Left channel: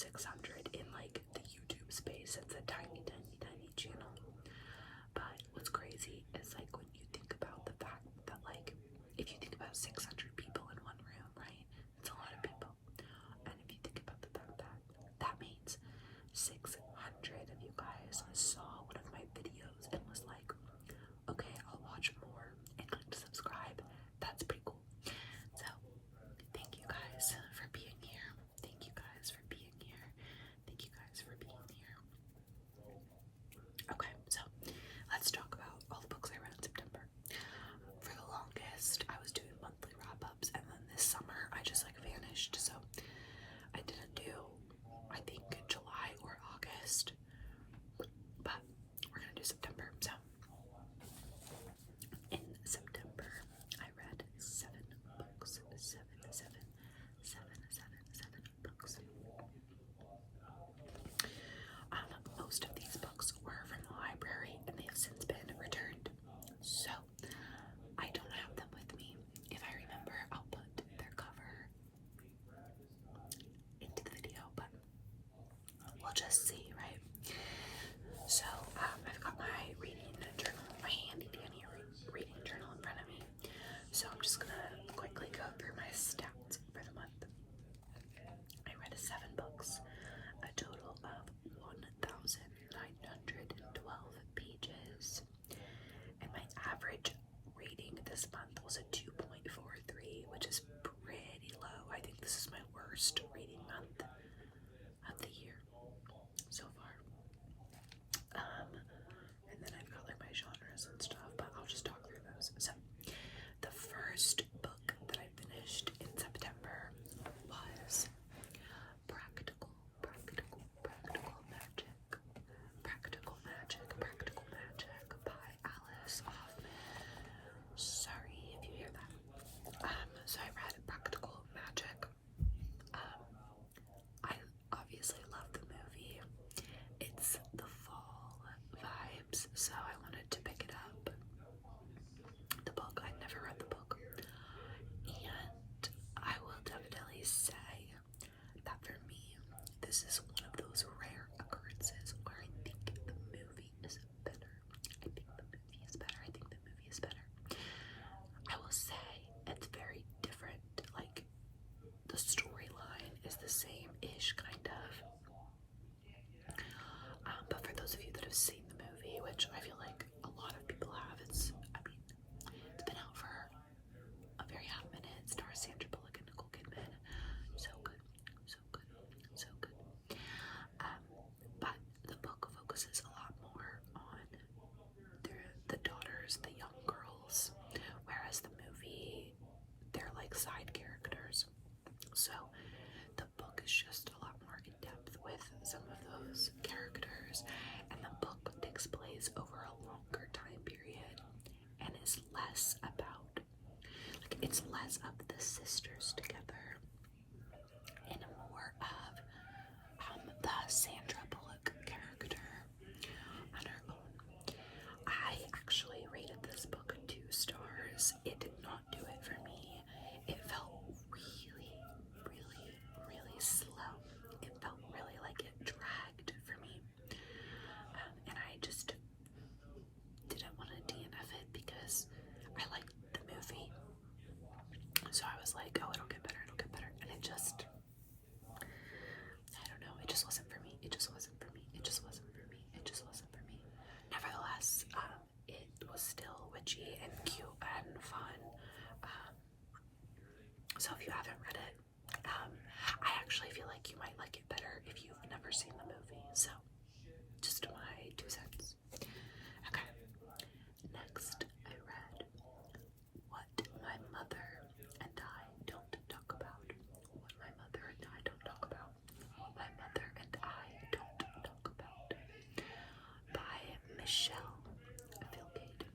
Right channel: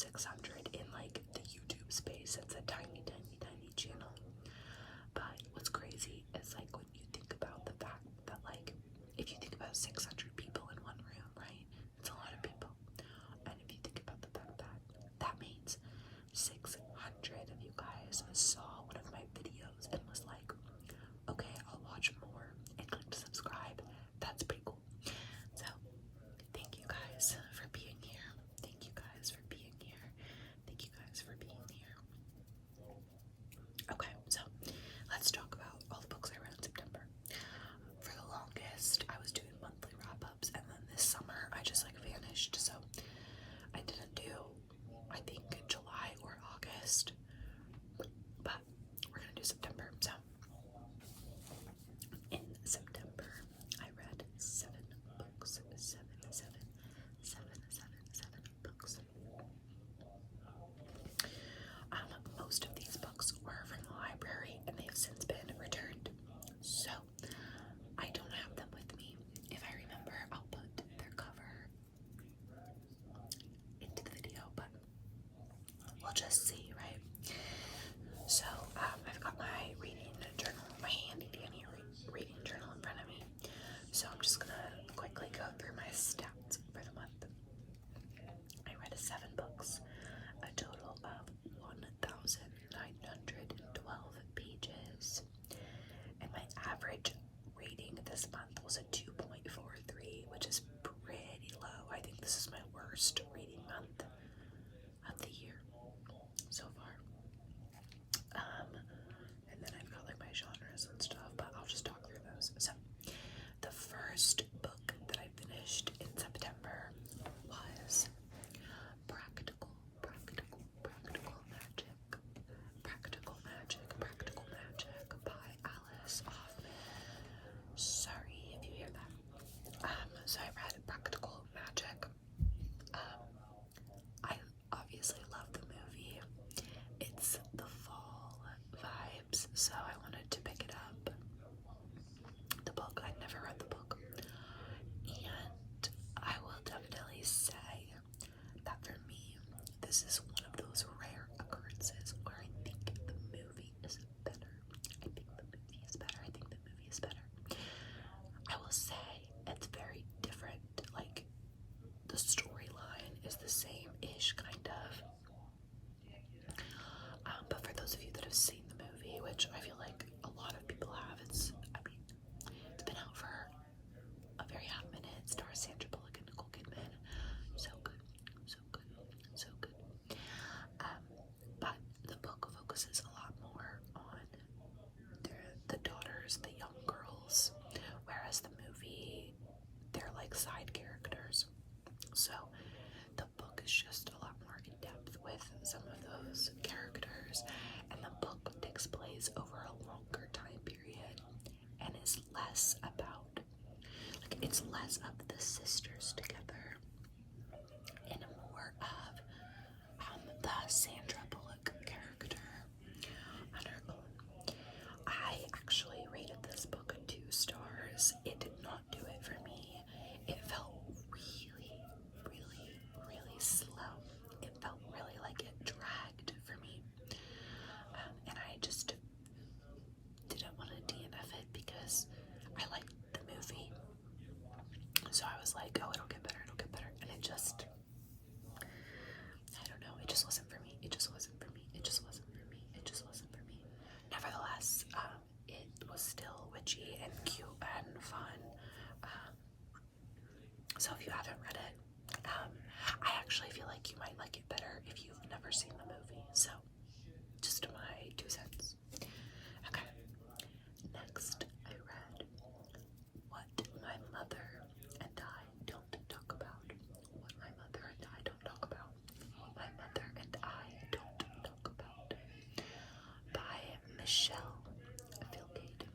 600 in like the YouTube space. It's a tiny, tiny, tiny channel. But what's crazy is like when you think about the fact that like if you think about 600 people in one room, right? It's a lot of people. And if you think about the fact that that means 600 of you guys saw one of my videos and was like, okay, I'll watch more and click subscribe. That's pretty cool. So thank you guys for being here. Thank you guys for being here. Thank you guys for being here. Okay, so let's talk about all the books I read in September. For the longest, I was doing monthly wrap-ups, and then this summer I just like vanished. So I didn't do, I think, July or August, but we're gonna do September. So in September, I read 7 books. Seven books. Most of these books were from the library and they have since been returned. So I don't have them with me. If I remember, I'll put their cover into the video, but we'll just see, right? So I've got my reading journal, my handy dandy reading journal in front of me. So I'm just gonna quickly go through my stats for the month. I read 7 books, a total of 1,912 pages, and my average rating this month was a 2.43, which is pretty low. I think this is my worst reading month of the year so far. And then I've got like my genres and stuff, but I'll just talk through those. So the first book that I finished in September was Practical Magic by Alice Hoffman. Sorry if you hear that. So I read Practical Magic. I obviously love the movie. It's the fall vibes, so I wanted to pick it up. The book, I'd never read the book, and I will definitely say that for me, this is one of those rare occurrences where I think the movie is better. I will say it's very different. Like, the storyline is the same-ish, kind of. But for those of you that have seen the movie, which I feel like a lot of people have, it's been out for a very hot minute. It stars Sandra Bullock and Nicole Kidman. So good. But the book focuses a lot more on the daughters, the young girls, whereas the movie, they're like side characters. So the book is just a lot more in depth with some of those characters, and the book takes place over a longer time period and is less about, like, it's less of the sisters together and more of the Sandra Bullock character on her own. I actually rated this book 2 stars. It did not do it for me. It felt really slow. It felt really like it dragged for me. And I just didn't want to DNF it because I liked the movie. So I was like, oh, it'll get better. And it just, I don't know, it just wasn't for me. Nevertheless, it was still witchy and cute and fun. So if you haven't read it, I actually feel like you might like it better if you've never seen the movie. So just my 2 cents. Okay. Next, I read What My Mother and I Don't Talk About. What My Mother and I Don't Talk About. What My Mother and I Don't Talk About by Michelle Filgate.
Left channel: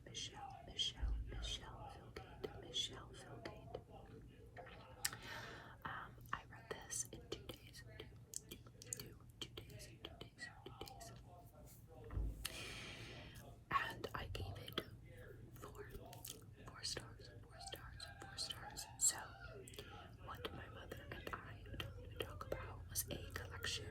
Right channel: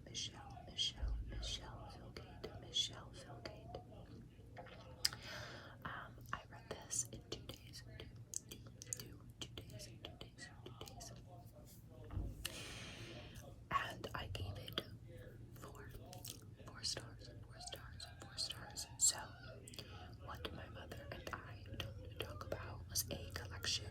I read this in 2 days. And I gave it 4 stars. So, What My Mother and I Don't Talk About was a collection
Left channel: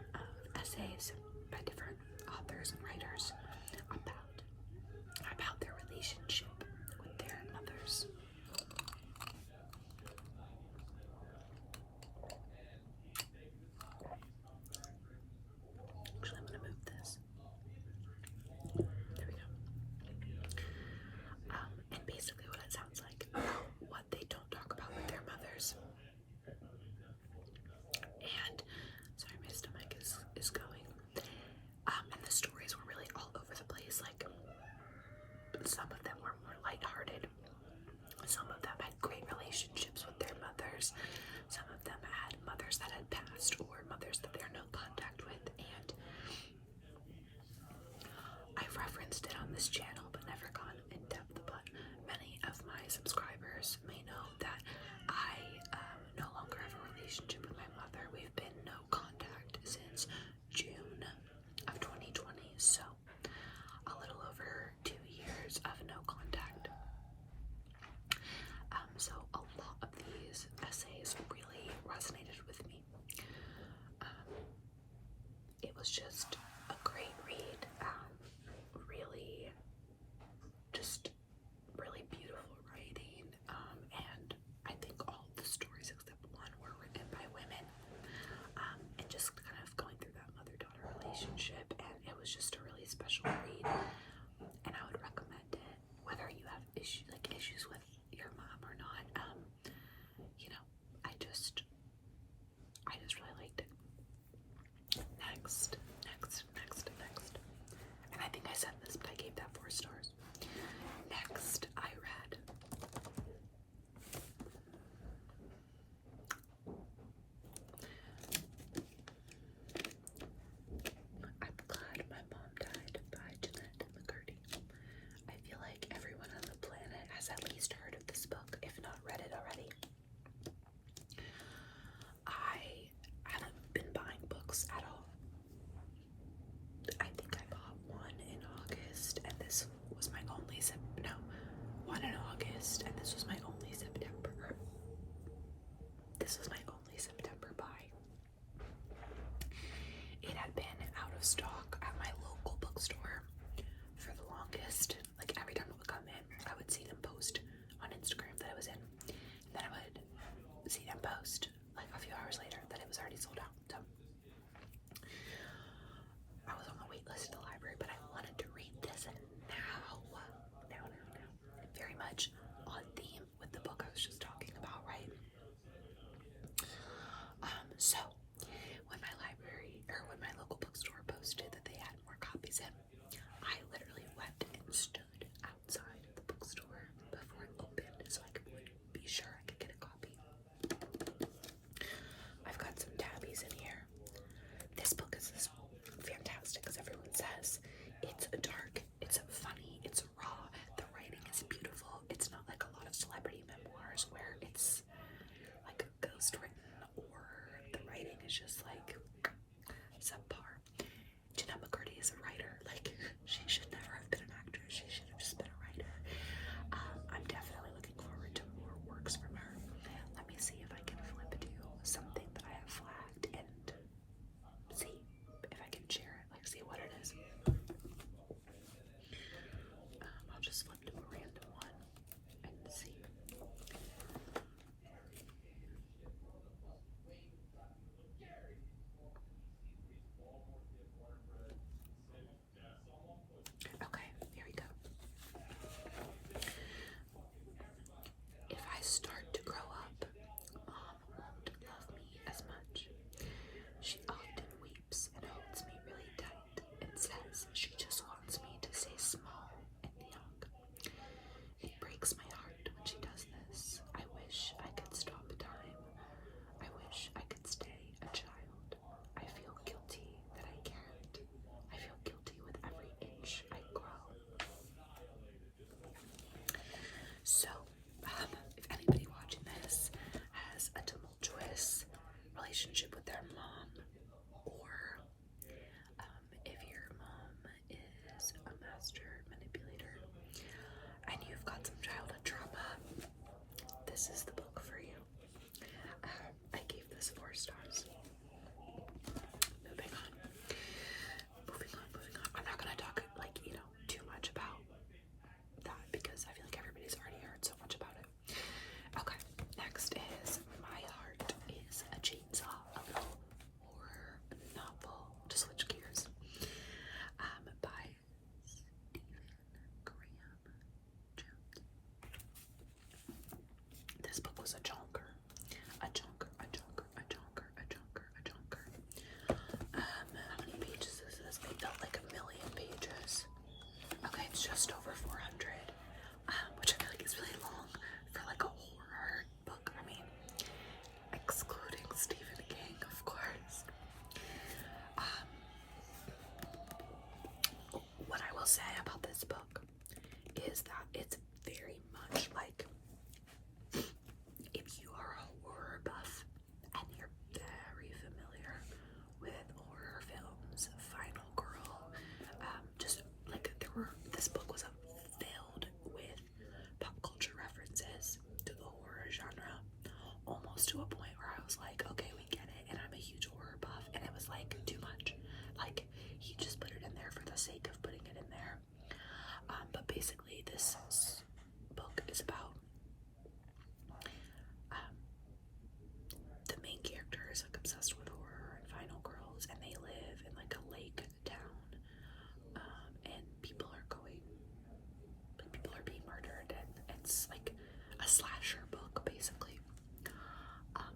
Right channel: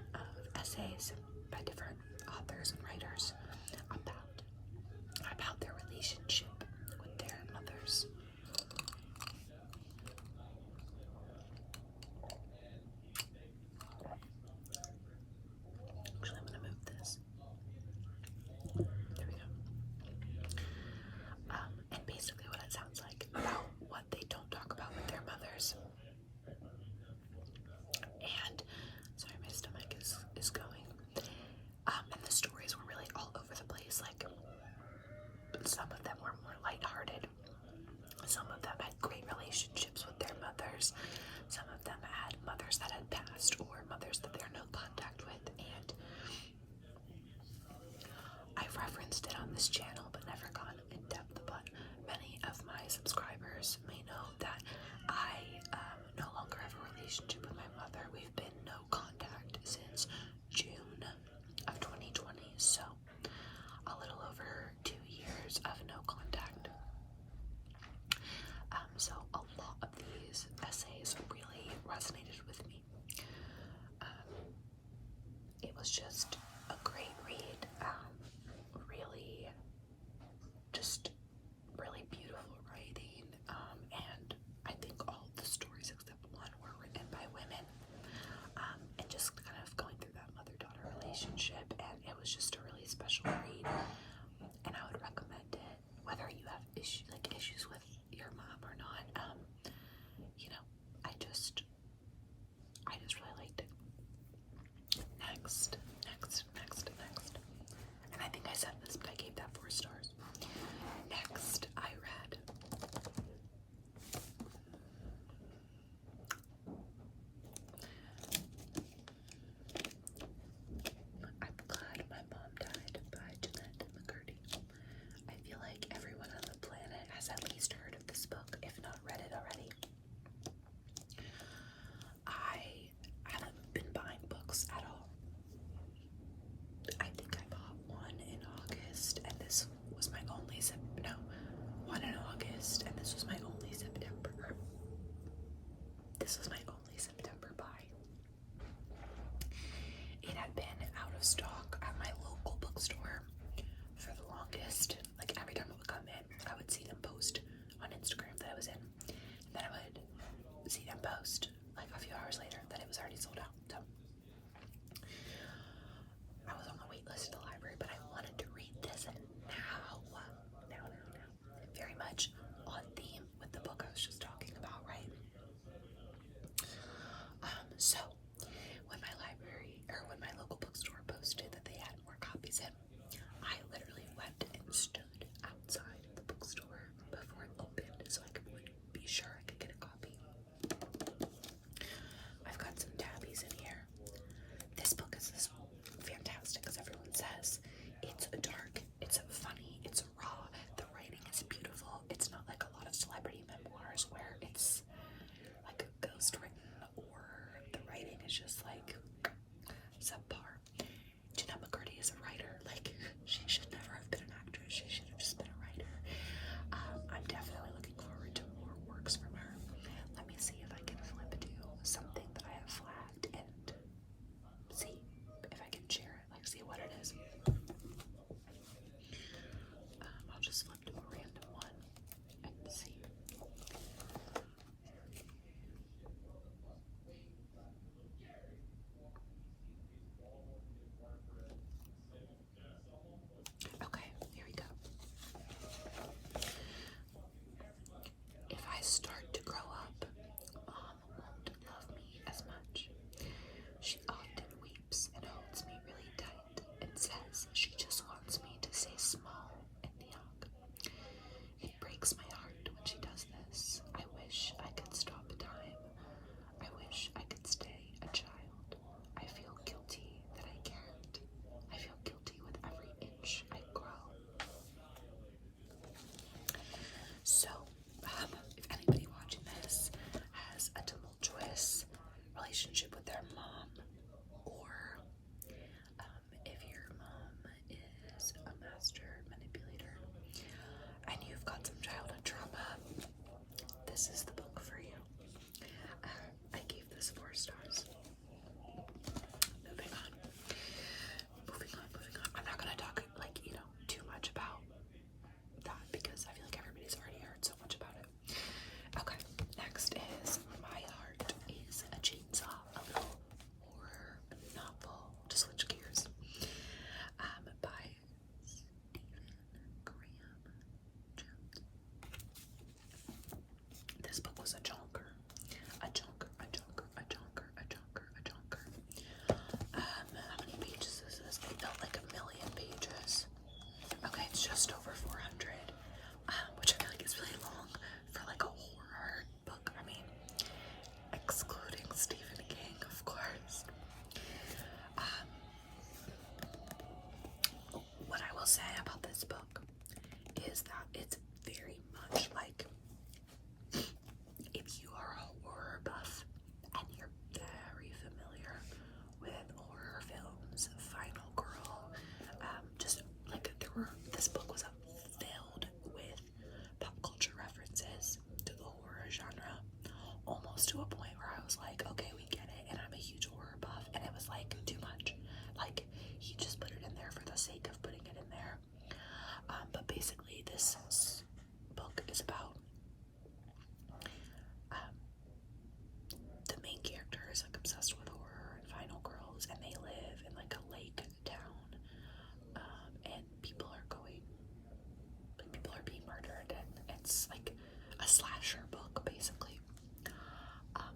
this channel but never gone in depth, but many of my subscribers may know that I no longer have a relationship with my mother. We've been no contact since June of 2020, so a little over 2 years of no contact. So a lot of these essays really resonated with me. It was just a great read, really, just really beautiful writing, and I think all the stories except one were written by women, and just kind of going through that mother-daughter relationship, and it was just a really special read, and I would recommend it, whether you have issues with your mom or not. You know, I just really liked it. Next. And I think I said this, but I gave that 4 stars. Next, I read I'm Glad My Mom Died by Jeanette McCurdy. I feel like everyone on the planet has at least heard of this book, if not read it already. I haven't been buying books at all. I think I bought one in August, and this was my only one in August, and this was my only September. This was my only September buy. It had been out of stock at my local bookstore for the longest. Like every time it would come in, I would see them post on Instagram that it was in. And then I would see them post like a few hours later that it was already sold out. So I was on the wait list at the library, but I wanted to read this now. Very much on theme with the book I was just talking about, right? So when my local bookstore posted that they had more copies in, I literally went and stood outside the bookstore before it opened so I would be sure I could get a copy. I've got some tabbies in here. This book is fantastic, as everyone says. It's dark, it's funny, it's raw, the writing is beautiful. It's not like a lot of celebrity memoirs where it's like ghost written or the writing is just like subpar. Jeanette McCurdy is a writer. Like, she should never have been an actress. She should have just been a writer. I'm definitely looking forward to more works from her. Let me see if I can flip to something that I have flagged and see if I can share it, like see what it is. I'll just flip to a random one and see. Okay, here we go. If I start to grow up, Mom won't love me as much. She often weeps and holds me really tight and says she just wants me to stay small and young. It breaks my heart when she does this. I wish I could stop time. I wish I could stay a child. I feel guilty that I can't. I feel guilty with every inch I grow. So, if anybody watching this has a tumultuous relationship with their mom, or if your mom is a master manipulator and you've got some childhood trauma, this is the book for you. I gave this 4 stars. Moving on. I'm not gonna talk too much about that because I feel like everybody's already heard so much about it. Okay, next is My Heart is a Chainsaw, a little horror novel to switch gears, by Stephen Graham Jones. This book It's like a slasher book, basically.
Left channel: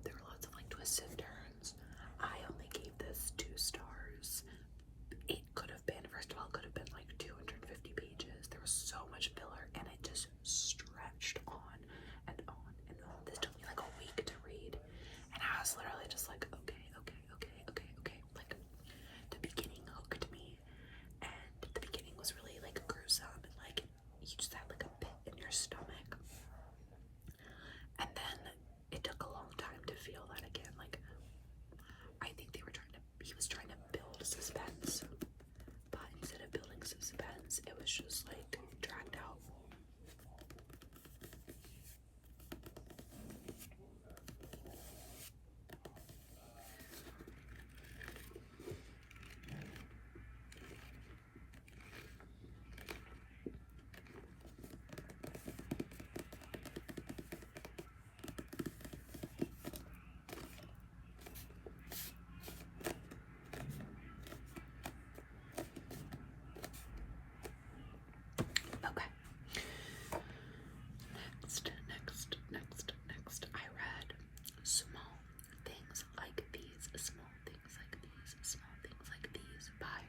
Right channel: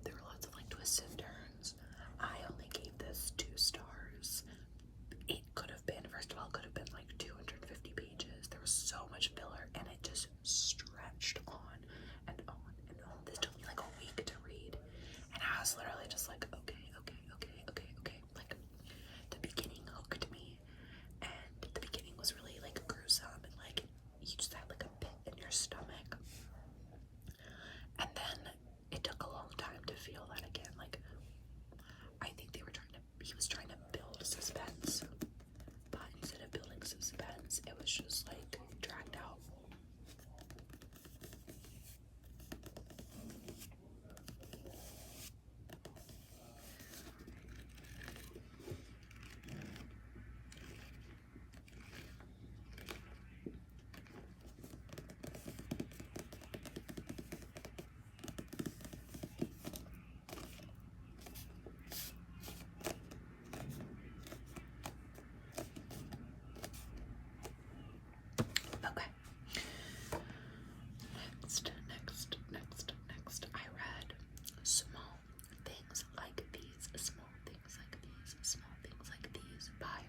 There were lots of like twists and turns. I only gave this 2 stars. It could have been, first of all, could have been like 250 pages. There was so much filler, and it just stretched on and on and on. This took me like a week to read, and I was literally just like, okay. Like, the beginning hooked me, and the beginning was really like gruesome, and like you just had like a pit in your stomach. And then it took a long time to feel that again. Like, I think he was trying to build suspense, but instead of building suspense, it was just like dragged out. Okay. Next. I read Small Things Like These, Small Things Like These, Small Things Like These by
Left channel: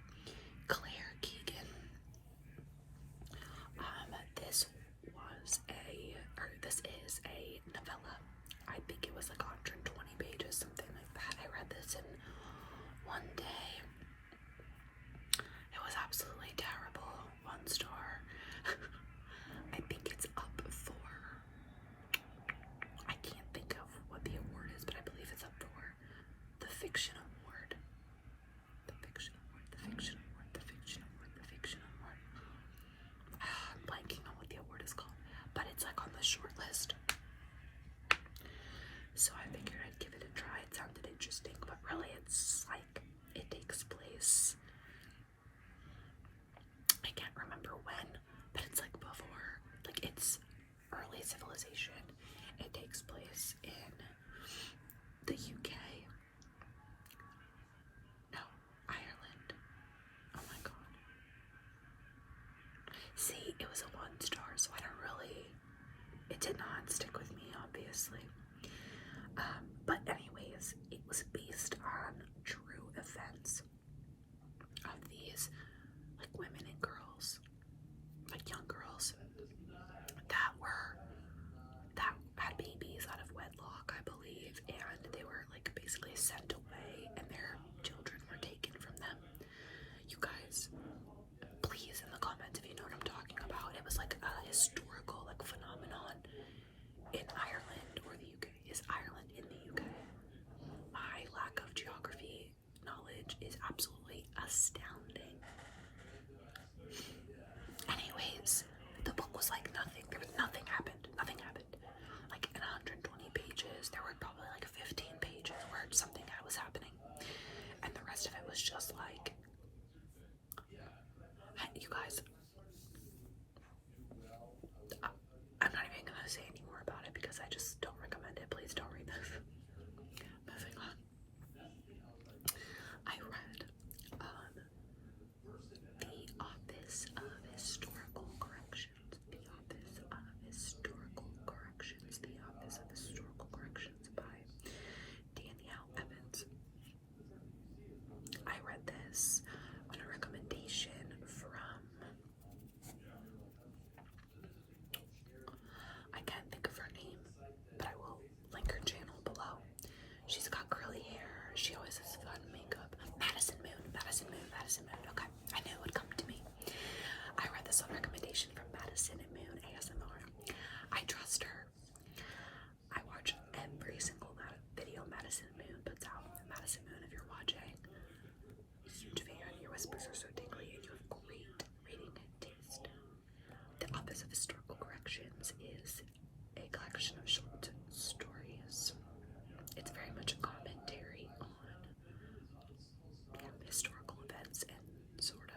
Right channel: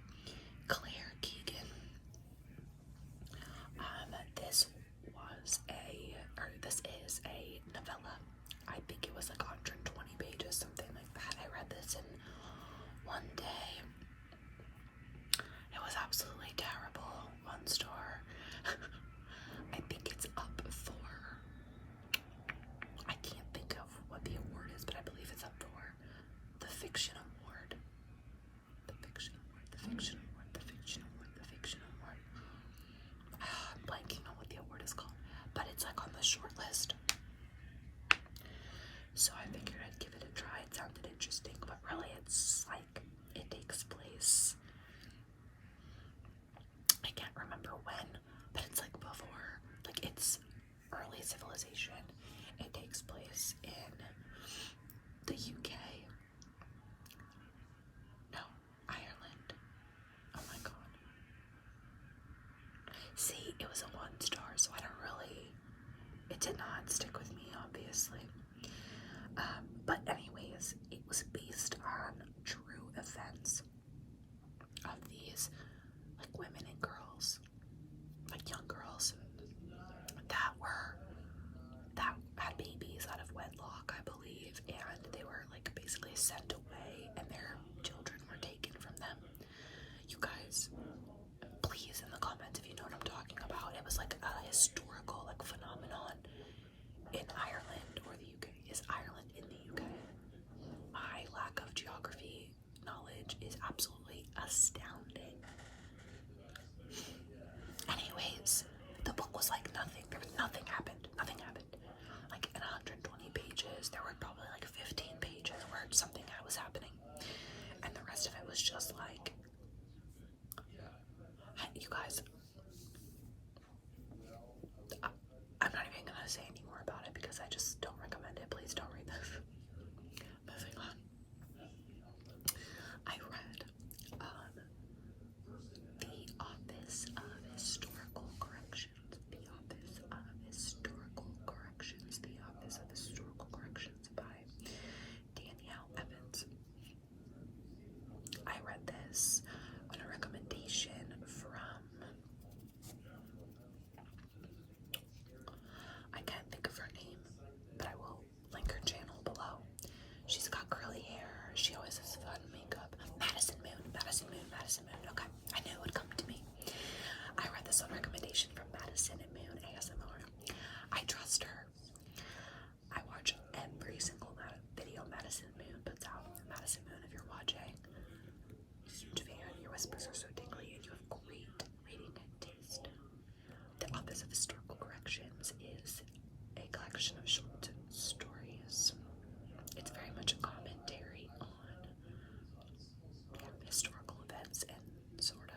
Claire Keegan. This is a novella. I think it was like 120 pages, something like that. I read this in one day. It was absolutely terrible. 1 star. I think it's up for, I can't think of what the award is, but I believe it's up for the Fiction Award. The Fiction Award, the Fiction Award, the Fiction Award, the Fiction Award. I'm blanking on what the award is called, but it's like on the short list. So I figured I'd give it a try. It sounded interesting, but really it's like, it takes place, I can't remember when, but it's like before, like it's early civilization. It takes place in the UK. No, Ireland. Oh my god. See, it was a 1 star, so I don't really, it did not stick with me, obviously. But anyways, it was based on true events of these like women and girls, like young girls that had babies out of wedlock, I believe, and they were like basically sent away, and their children were taken from them. You guys, please in the comments if you know what I'm talking about. It was like a historical like phenomenon in Ireland or the UK. Is Ireland in the UK? My lack of geography knowledge is absolutely astounding. Anyways, the book was like nothing. Nothing happened. Like in 120 pages, there were probably like 15 pages where something was happening, and the rest of it was just like, you guys, I'm not even gonna say any more about it because I just don't recommend it. Please don't read this. Moving on. I read The Office of Historical Corrections. The Office of Historical Corrections. The Office of Historical Corrections by Danielle Evans. I read this on a recommendation from, I can't think of her name, but I will link her channel below. She's got curly hair. She always has fun makeup. Madison Moon. Okay, I knew it would come to me. I read this on recommendation from Madison and Moon ASMR. I trust her. I watch every single video Madison Moon puts out. Madison Moon, if you're watching, huge fan. Your whispers are so tingly, and you have great reading taste. The Office of Historical Corrections is a collection of short stories. It's very much a commentary on historical events and sort of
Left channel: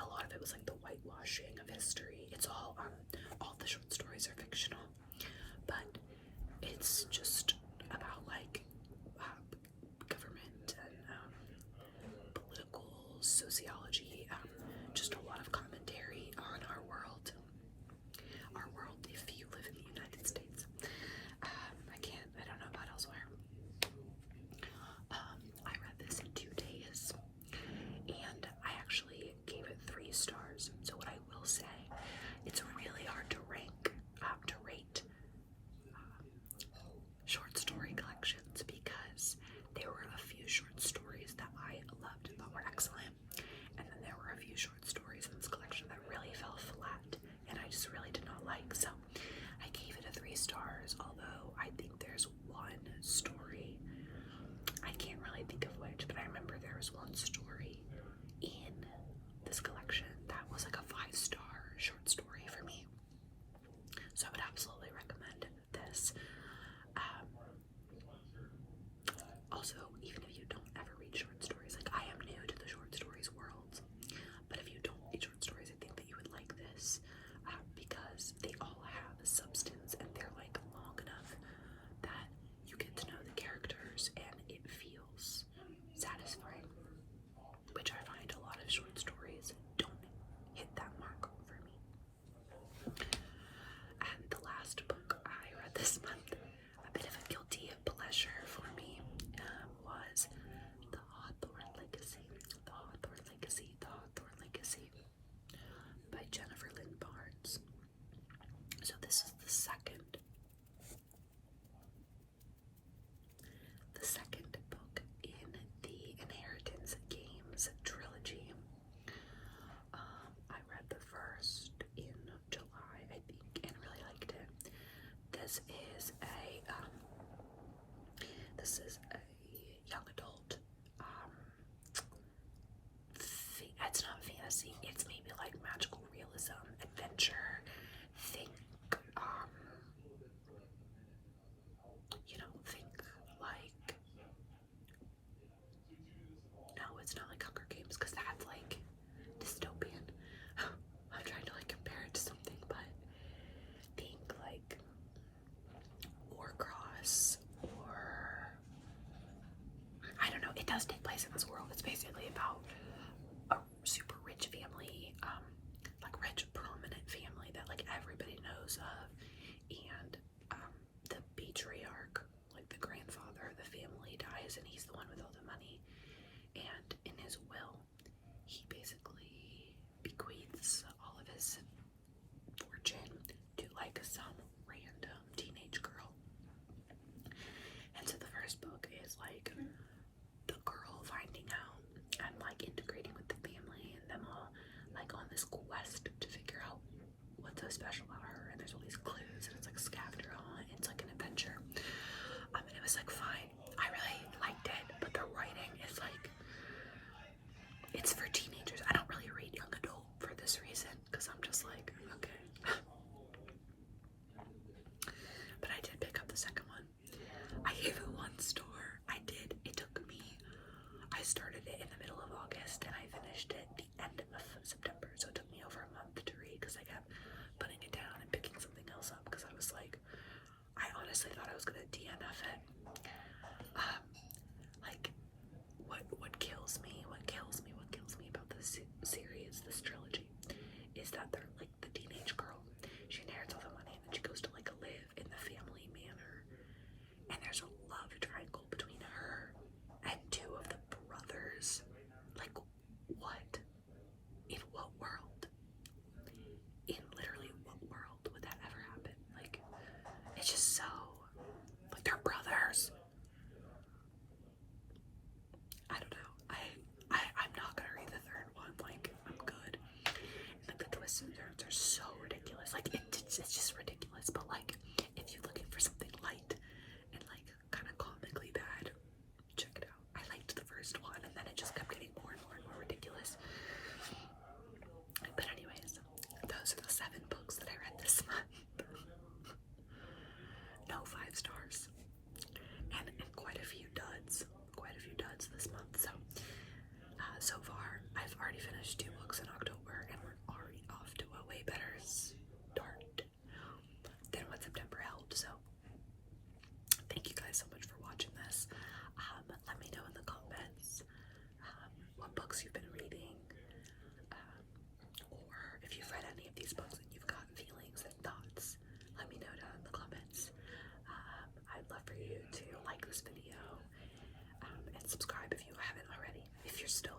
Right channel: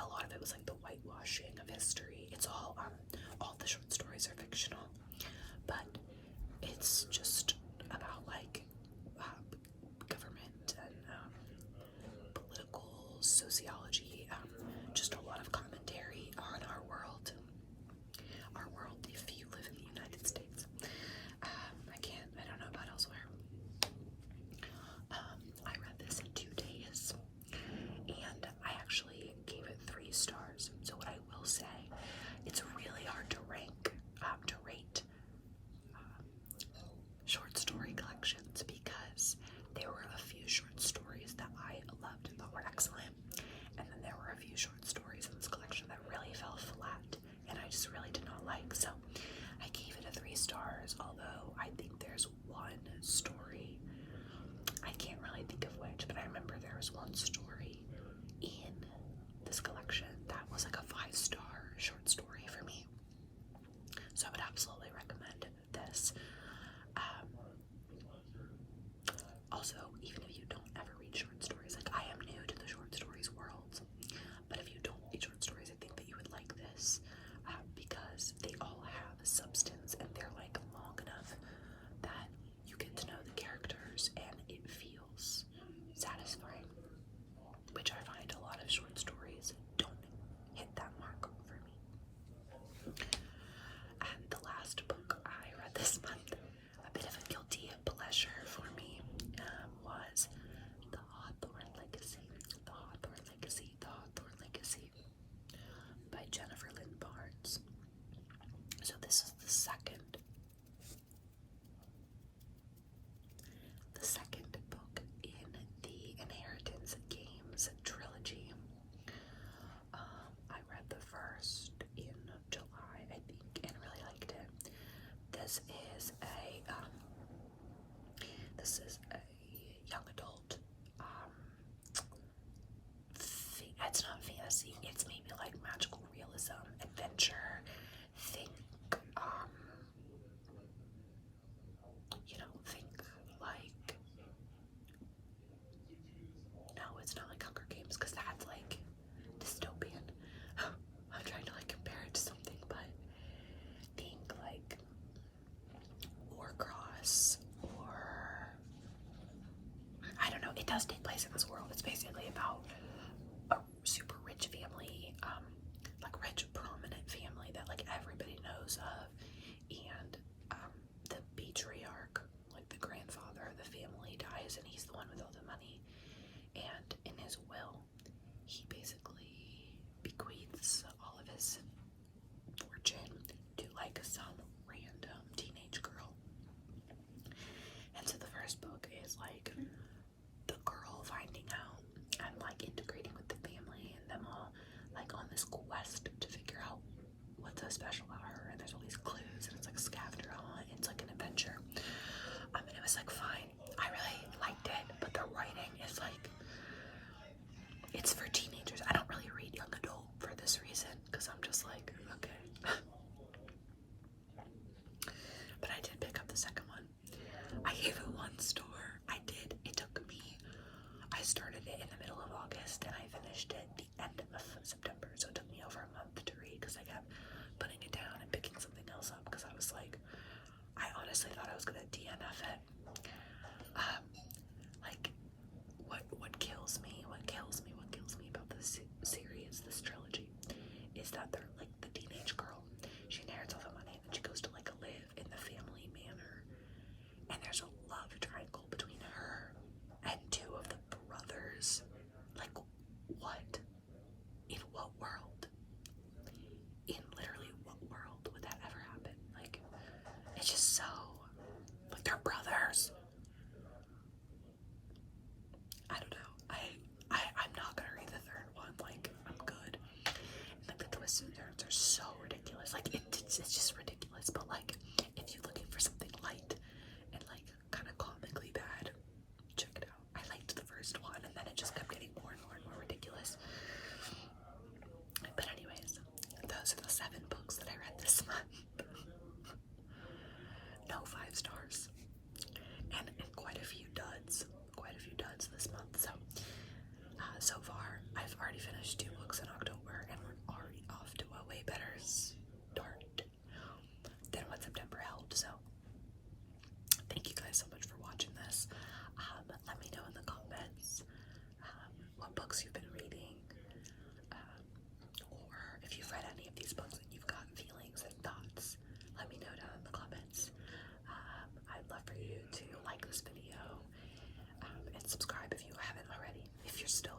a lot of it was like the whitewashing of history. It's all the short stories are fictional, but it's just about like government and political sociology, just a lot of commentary on our world was one story in this collection that was like a 5-star short story for me. So I would absolutely recommend this. Also, even if you don't ever read short stories, like I am new to the short stories world, but if you don't read short stories, I think that you would like this because they all have substance and they're like long enough that you get to know the characters and it feels satisfying, which I find a lot of short stories don't hit that mark for me. And the last book I read this month, a bit of a guilty pleasure for me, was The Hawthorne Legacy. The Hawthorne Legacy. The Hawthorne Legacy by Jennifer Lynn Barnes. So this is the second book in the Inheritance Games trilogy. I read the first in July, I think, and really liked it. This is a young adult. It's not fantasy. It's maybe like magical realism, adventure. Think, think like. No, it's not like Hunger Games because that's like dystopian. I'm trying to like compare it to something, but think like Warcross or I don't know. It does take place in this world. It's basically about a super rich family, like rich prominent family that like everybody knows of, and the patriarch, like the grandfather of the family, dies, and he's the one with all the money. And in his will, he basically bequeaths all of his fortune to like some random teenage girl. And so the first book is like the girl finding out and like integrating with the family, and them all like on this quest to figure out what's so special about her. And there's all these clues, and it's like a scavenger hunt. It's like an adventure. And it was like fine. I really liked it, but the writing is like, it's for teenagers. I don't really read young adult for this reason because I'm just like, okay. But I did pick up the second one. I gave it 1 star. I did. It took me, I started it in the middle of August and I finished it the end of September. So it took me over a month to read because I kept putting it down and picking something else up because I was like, I honestly thought I was gonna DNF it. Like, what kills me about this series, this trilogy, is that they're like the teenage girl. She inherits all the money and then she goes to like live in the family manor. And there's a love triangle between her and 2 of the brothers. Like, what? In what world? In literally what world would that ever happen? Like, it's just so, like, they're brothers. I don't know. I'm not gonna read the third one. Like, I'm good. And, like, the twists and turns are so ridiculous. Like, it's just ridiculous. But like, if you're looking for something light and like kind of comically bad, check it out. I liked the first one, and then it just kept getting more and more and more ridiculous. But anyways, those are the 7 books that I read this month. No 5 stars, and quite a few duds this month. So so far I've already finished 2 books in October, and we're already off to a way better start than what September held. So thank you guys so much for watching this. Let me know in the comments what books you've been reading, or if you've read any of these books and you've got feelings and thoughts. Let me know down in the comments. I'd love for you to like this video and subscribe if you haven't already. If you're still